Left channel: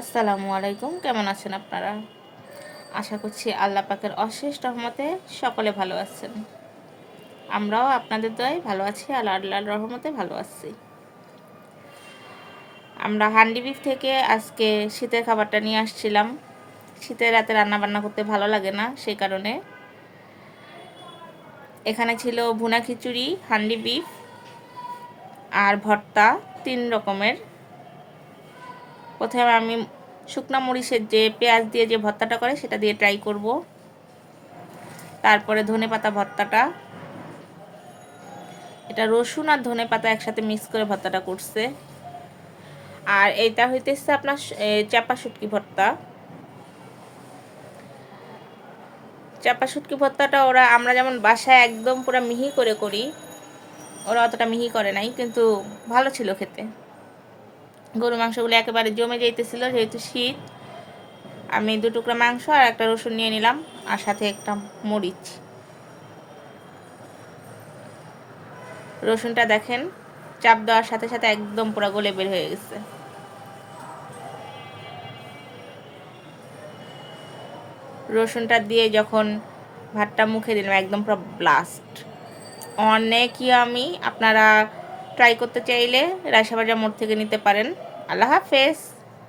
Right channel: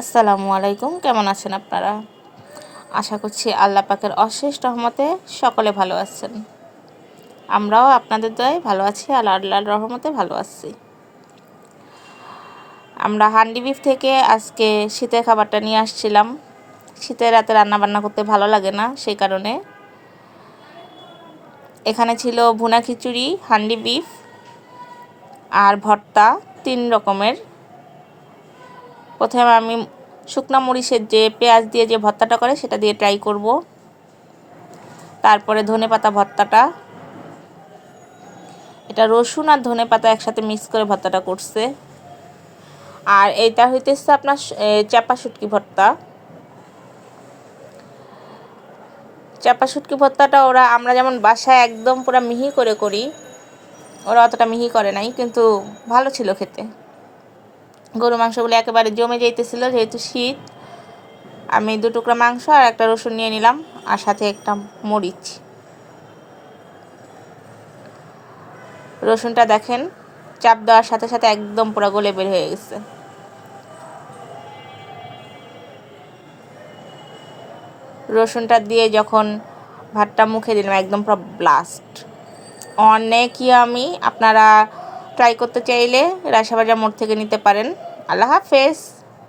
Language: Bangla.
আসসালামু আলাইকুম, কেমন আছেন আপনারা? আশা করছি আল্লাহ পাকের অশেষ রহমতে সকলে ভালো আছেন। আমরাও আপনাদের দয়ায় ভালো আছি, আল্লাহর রহমতে ভালো আছি। আমরা হান্ডি বিফ থেকে আজকে শীতের খাবারটা নিয়ে আসছিলাম। শীতের রাতে রান্না বান্না করতে ভালো লাগে না, সেই কারণে এখানে ছিল ভুনা খিচুড়ি, হান্ডি বিফ আর ভর্তা, 3 রকমের। প্রথমে আমি শুকনা মরিচের যে পেঁয়াজ দিয়ে যে ভর্তাটা করে সেটা দিয়ে ট্রাই করব। তারপরে ধনেপাতা ভর্তাটা, এটা রসুন আর ধনেপাতা একসাথে মিক্স করে ভর্তাটা করছে। আর এইটা হইতেছে আপনার চাপা শুটকি ভর্তা। চাপা শুটকি ভর্তাটা আমরা যেমন বাসায় একদম পুরো মিহি করে করি, ওরা অতটা মিহি করে নাই, কিন্তু ভালো ছিল খেতে। গরু মাংসগুলো একেবারে জমে যাইতেছিল, যেহেতু শীত। আমি 2 টুকরা মাংস আর একটা রসুন নিয়ে নিলাম, আর সাথে একটা মরিচ। রসুনটা দেখেন চাপ দেওয়ার সাথে সাথে একদম পুরো গলে বের হয়ে গেছে। রসুনটা দিয়ে যখন ভাতটা মুখে দিলাম, একদম পুরো ব্লাস্ট, অনেক ইয়ামি। আপনারা ট্রাই করতে চাইলে রায়সাবাজার মোড় থেকে নিতে পারেন। আল্লাহ হাফেজ।